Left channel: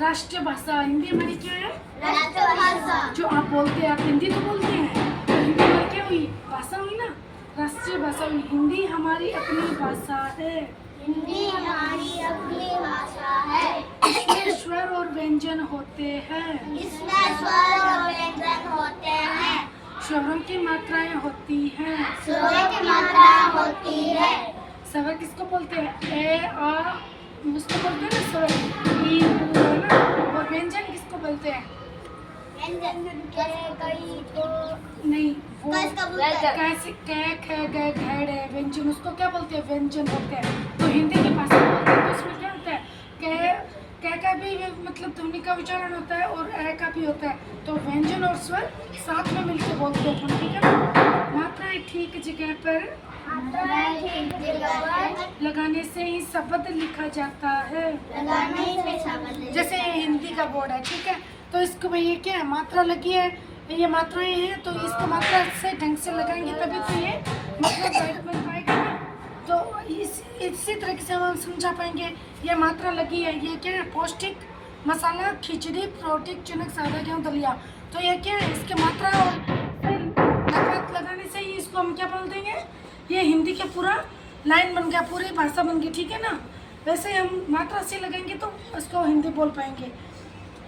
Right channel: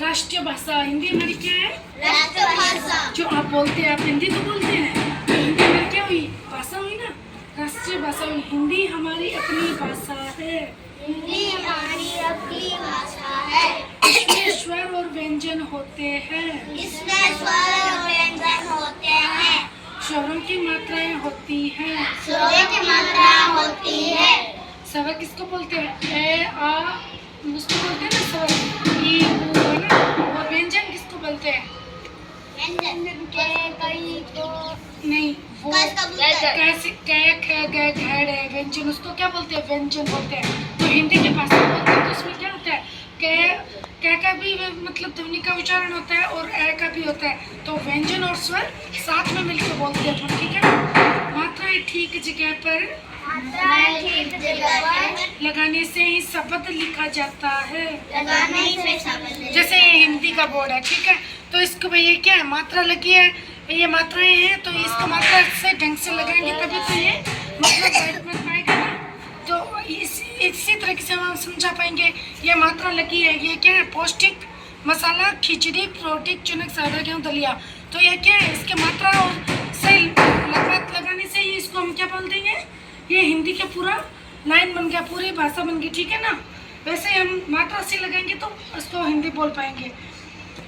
राष्ट्रीय भाषा हिंदी हमारी क्या है? राष्ट्रभाषा। जो आप बोलते हैं, आप हिंदी तो बोलते हैं, तो हिंदी हमारी क्या हुई? भाषा हुई ना, राष्ट्रीय भाषा हुई। हिंदी हमारी अपनी भाषा है। हिंदी हमारी अपनी भाषा है। इसमें स्वर और व्यंजन होते हैं। इसमें स्वर और व्यंजन होते हैं। स्वरों की मात्राएं होती हैं। स्वरों की मात्रा होती है। स्वर किसको बोलते हैं? ए आ, उसको बोलते हैं ना स्वर, ई ऊ, है ना। और व्यंजन किसको बोलते हैं? व्यंजन के कई को नहीं, वो किसका बोलते हैं? कैसे कै ख ग घ ड़ व्यंजन, उसको क्या बोलते हैं? व्यंजन बोलते हैं। तो हिंदी के भाषा में बोलते हैं तो उसमें क्या होता है? कै का भी मतलब ध्वनि का उच्चारण होता है और ए का भी होता है। तो व्यंजन और स्वर साथ में मिलकर बोलते हैं अपन, ठीक है ना। मात्राएं ठीक जगह पर मात्राएं ठीक जगह पर लगाने से ही शब्द लिखा जाता है। लगाने से शब्द। जैसे ये हिंदी का बोर्ड है, ठीक है, तो इसको भाई ये क्या है? मात्रा लगी है, ये मात्राएं हैं, तो इसको मात्रा से ढंग से लगाएंगे तभी तो ये मतलब वाइट बन पाएगा ना। तो इसी तरीके से हम समझा पाएंगे। ये मात्रा लगी है, ये क्या है? पौष्टिक मसाला, खिचड़ी, प्रोटीन, चुनक, सादा गेहूं, दलिया। तो ये क्या है? इसके मात्रा और से लगाने से ही इसको हम क्या बोल देंगे? ये हिंदी का पूरा लाइन बन गया, पूरी भाषा बन गई, ठीक है ना। वैसे हम मात्रा से लगाएंगे तो उसको हिंदी बोल पाएंगे।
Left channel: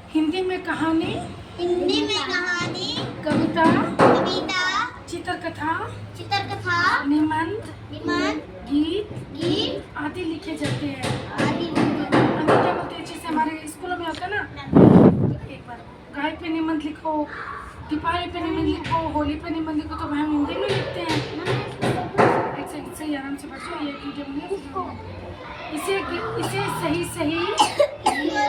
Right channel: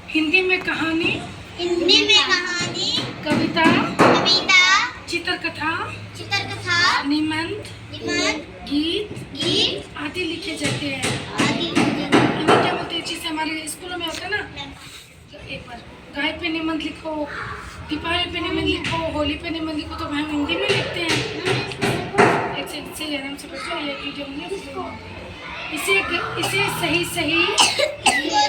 हिंदी में कहानी, हिंदी में कहानी, कविता, कविता, चित्रकथा, चित्रकथा, निबंध, निबंध, गीत गीत आदि लिखे जाते हैं। आदि। हमें क्या बोलते हैं? जैसे हमारे स्कूलों में होता है ना, तो एक बार गाय पे निबंध लिखो, दीपावली पे निबंध लिखो, होली पे निबंध लिखो, तो हम हिंदी में लिखते हैं। एक से आराम से पढ़ो, ये वीडियो में इसे सही इसको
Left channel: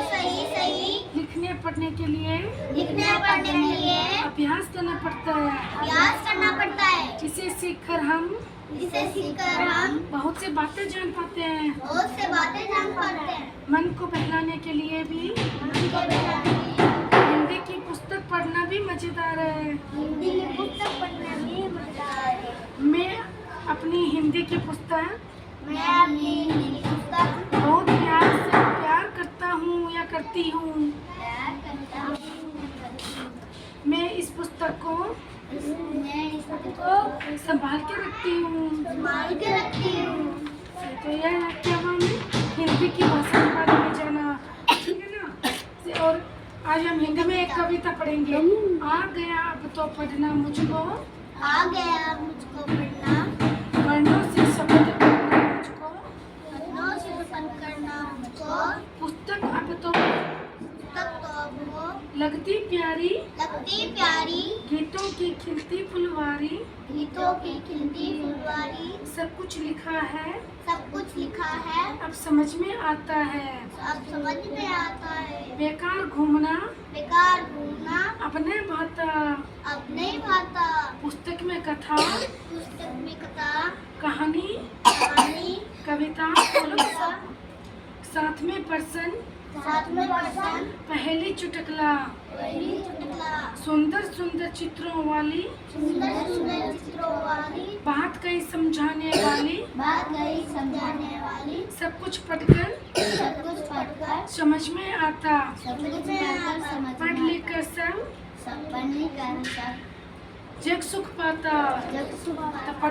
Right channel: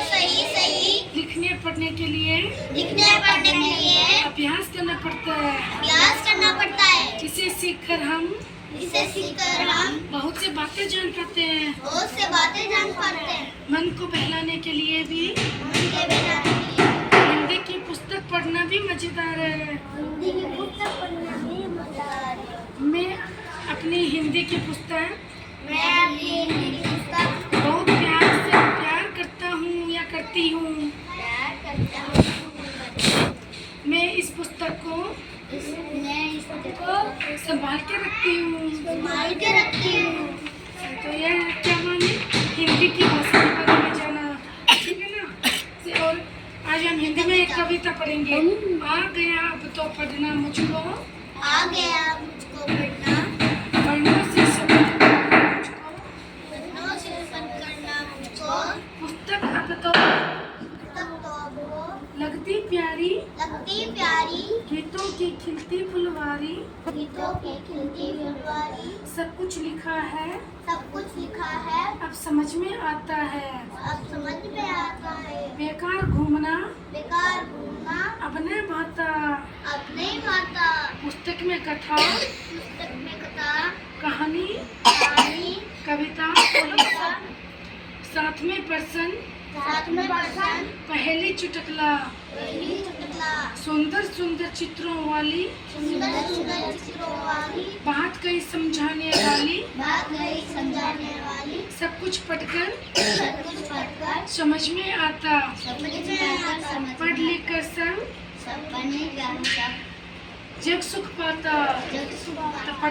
सही सही लिखने पढ़ने के लिए लिखने पढ़ने के लिए अभ्यास करना पड़ता है। अभ्यास करना पड़ता है। इसे सीखकर हम इसे सीखकर हम बहुत सी बातें जान पाते हैं। बहुत से बातें जान पाते हैं। मन को बहलाने के लिए भी मन के बिना हिंदी की पुस्तक पढ़ना भी मजेदार है। हिंदी की पुस्तक पढ़ना भी मजेदार है। मैं अपनी हिंदी की पुस्तक मैं अपनी हिंदी की पुस्तक बहुत प्यार करता हूँ या करती हूँ। प्यार करता हूँ। मैं इस पुस्तक को मैं इस पुस्तक को संभाल के रखती हूँ। संभाल के रखती हूँ। तो यह क्या माने? हिंदी की भाषा के बारे में जाना, ठीक है ना। और आज हम हिंदी में एक कविता पढ़ेंगे। आ गया अब तो पढ़ना मुझको, आ गया मुझको पढ़ना, पढ़नों से शब्द करना मुझको, पन्नों से पसंद करना मुझको, पुस्तक अब तो पुस्तक तो अब हो लगती प्यारी, लगती प्यारी, गीतों की खिलती फुलवारी, गीतों की खिलती फुलवारी, सब कुछ लिखा है सब कुछ लिखा है, अब समझ में आता है। अब समझ में आता है। बेकार घूमना बेकार घूमना अब नहीं भाता, अब नहीं भाता। पुस्तक में कथा, पुस्तक में कथा, कहानी, कहानी, कविता, कविता, साथ में प्रश्न, साथ में भाषण, पहेली, चुटकला, पहली चुटकला, सुंदर सुंदर चित्रों वाली, सुंदर सुंदर चित्रों वाली, बात कही समझाने वाली, बात गई समझाने वाली, सब कुछ पढ़कर सब कुछ पढ़कर समझ में आता। सब कुछ पढ़कर समझ पढ़ में लिख कर सब सब पढ़ने का सब जग सुख पाता। जग सुख तो पढ़ो।